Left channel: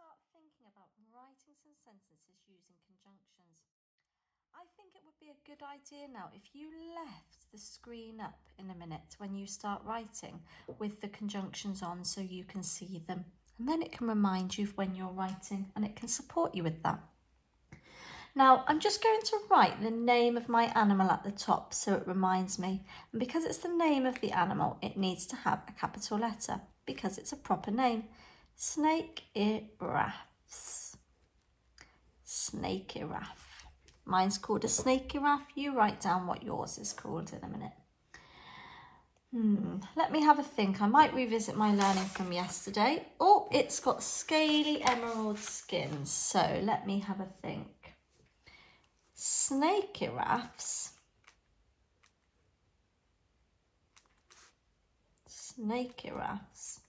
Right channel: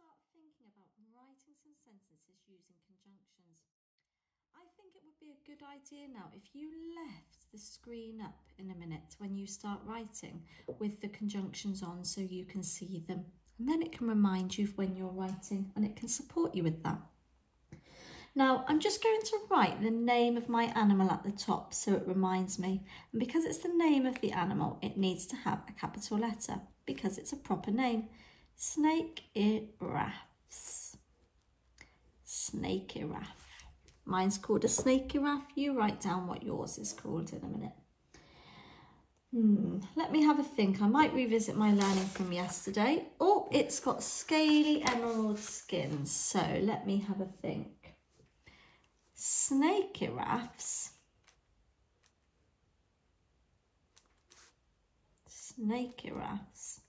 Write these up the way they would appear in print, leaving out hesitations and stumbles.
start thinking about writing some sentences using conjunctions. I think it would be a good idea now if you left the screen up in a minute when you start writing with the conjunctions on so you can see them. And then it can remind you of when you're writing and it can support you with that. Now, I'm just going to write the name of my animal at the top so it reminds me. And because it's the name of the animal, it needs to have a capital letter because it's a proper name. Snake-giraffes. Snake-giraffe. Mine's called a snake-giraffe. You write down what yours is called in a minute. Let me have a think. I might revisit my learning from yesterday. Oh, it's got scaly emerald skin. So let me have a think. Snake-giraffes. Snake-giraffes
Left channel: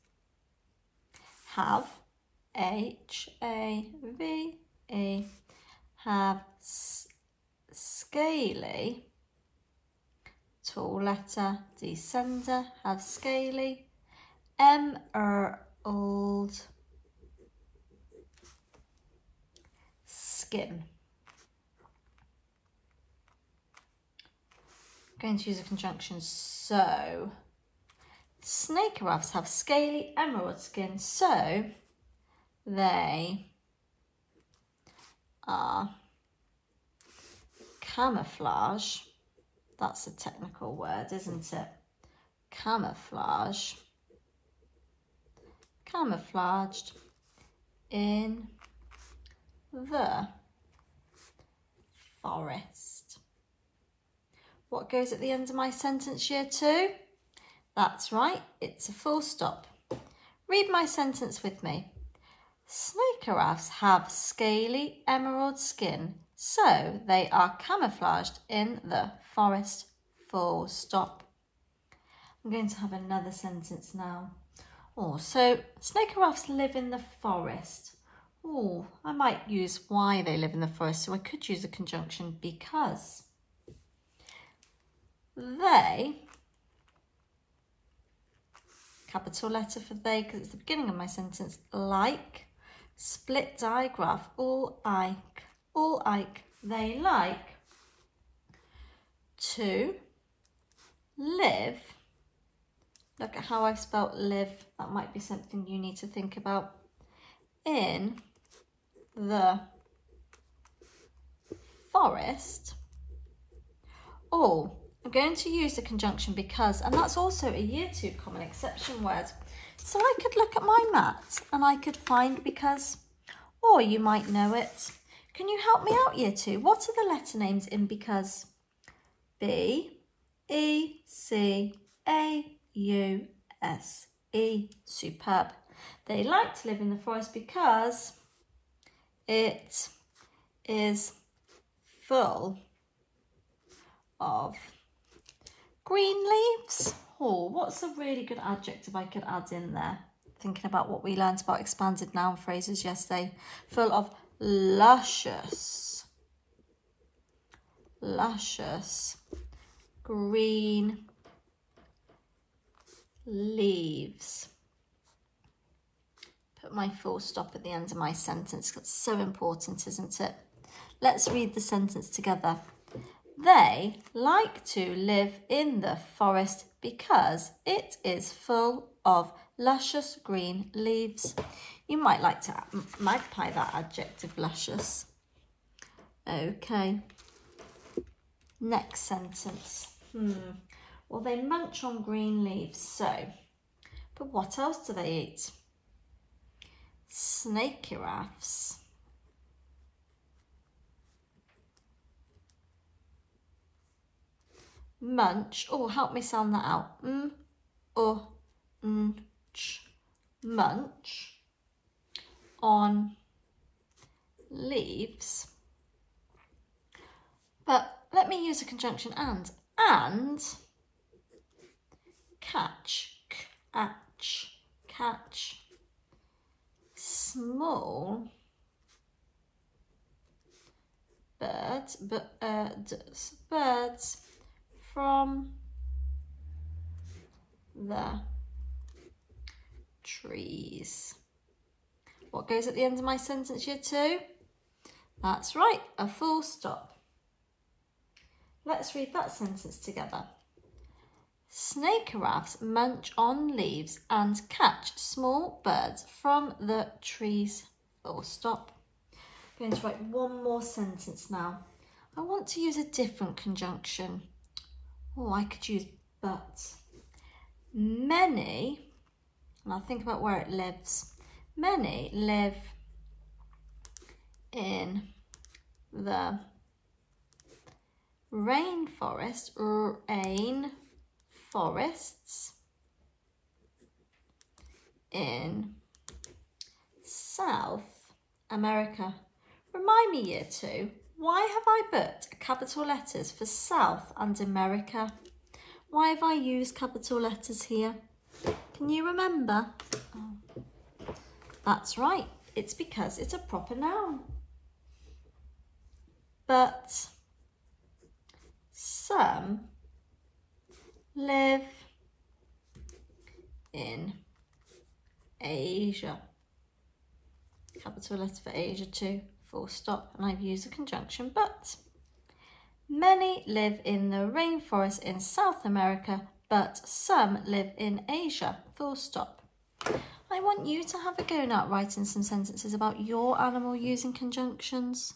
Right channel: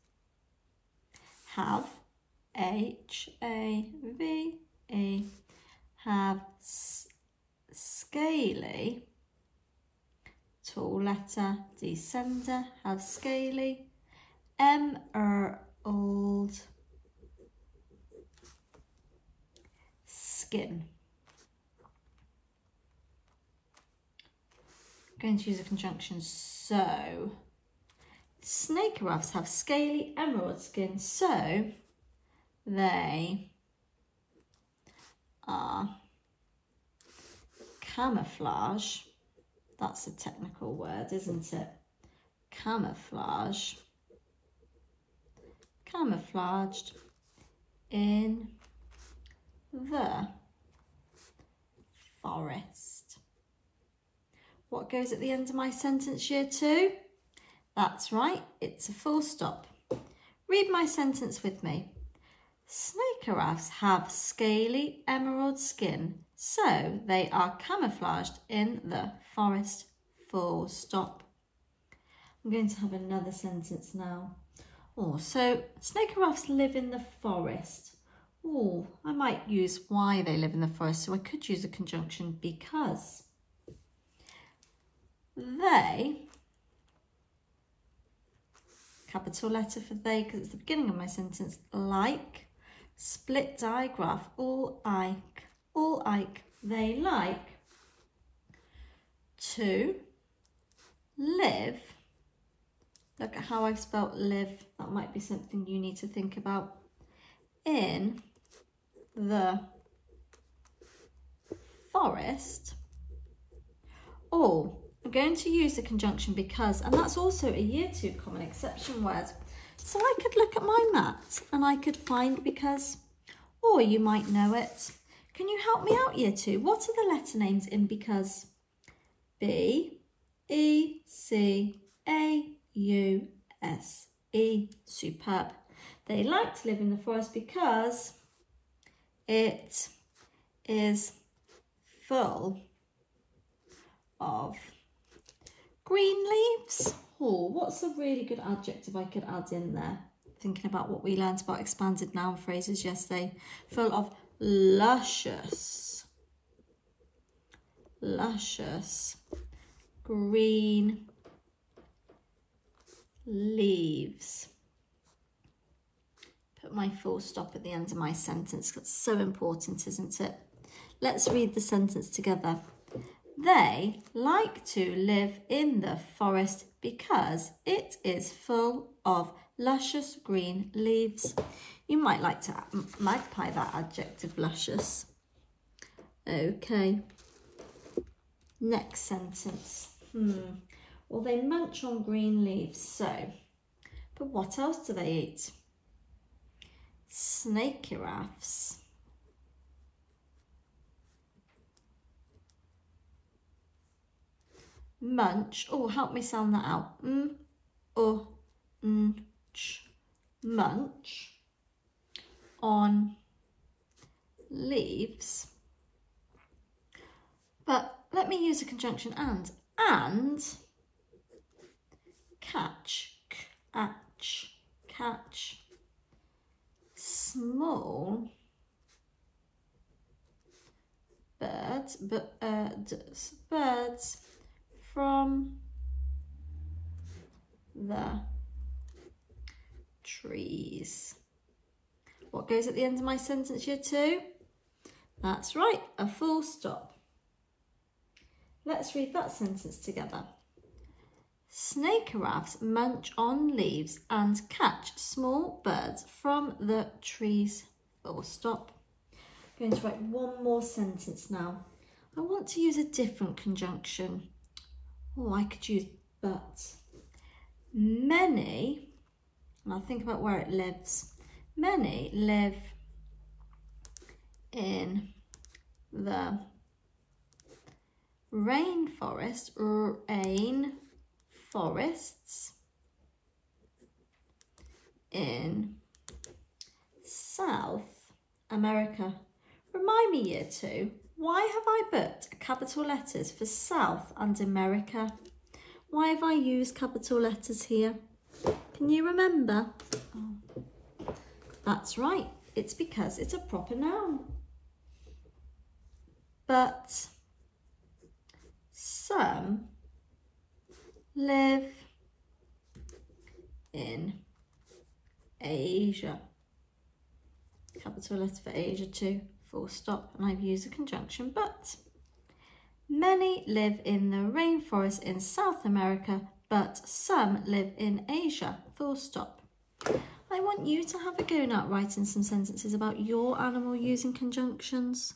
have H-A-V-E, have scaly, tall letter, descender, have scaly, emerald skin. I'm going to use a conjunction, so snake-giraffes have scaly emerald skin, so they are camouflage. That's a technical word, isn't it? Camouflage. Camouflaged in the forest. What goes at the end of my sentence, year 2? That's right, it's a full stop. Read my sentence with me. Snake-giraffes have scaly emerald skin, so they are camouflaged in the forest. Full stop. I'm going to have another sentence now. Oh, so snake-giraffes live in the forest. Oh, I might use why they live in the forest, so I could use a conjunction because. They, capital letter for they because it's the beginning of my sentence, like, split digraph, all like, they like to live. Look at how I've spelt live. That might be something you need to think about. In the forest. Or I'm going to use the conjunction because, and that's also a year 2 common exception word. So I could look at my mat and I could find because, or you might know it. Can you help me out, year 2? What are the letter names in because? B, E, C, A, U, S, E. Superb. They like to live in the forest because it is full of green leaves. Oh, what's a really good adjective I could add in there? Thinking about what we learned about expanded noun phrases yesterday. Full of luscious green leaves. Put my full stop at the end of my sentence. That's so important, isn't it? Let's read the sentence together. They like to live in the forest because it is full of luscious green leaves. You might like to magpie that adjective, luscious. Okay. Next sentence. Well, they munch on green leaves, so. But what else do they eat? Snake-giraffes munch. Oh, help me sound that out. Munch on leaves. But let me use a conjunction and catch small birds from the trees. What goes at the end of my sentence, year 2? That's right, a full stop. Let's read that sentence together. Snake giraffes munch on leaves and catch small birds from the trees. Full stop. I'm going to write one more sentence now. I want to use a different conjunction. Oh, I could use but. Many, and I'll think about where it lives. Many live in the rainforests in South America. Remind me, year 2, why have I put capital letters for South and America? Why have I used capital letters here? Can you remember? Oh. That's right, it's because it's a proper noun. But some live in Asia. Capital letter for Asia too, full stop, and I've used a conjunction but. Many live in the rainforest in South America, but some live in Asia, full stop. I want you to have a go now at writing some sentences about your animal using conjunctions.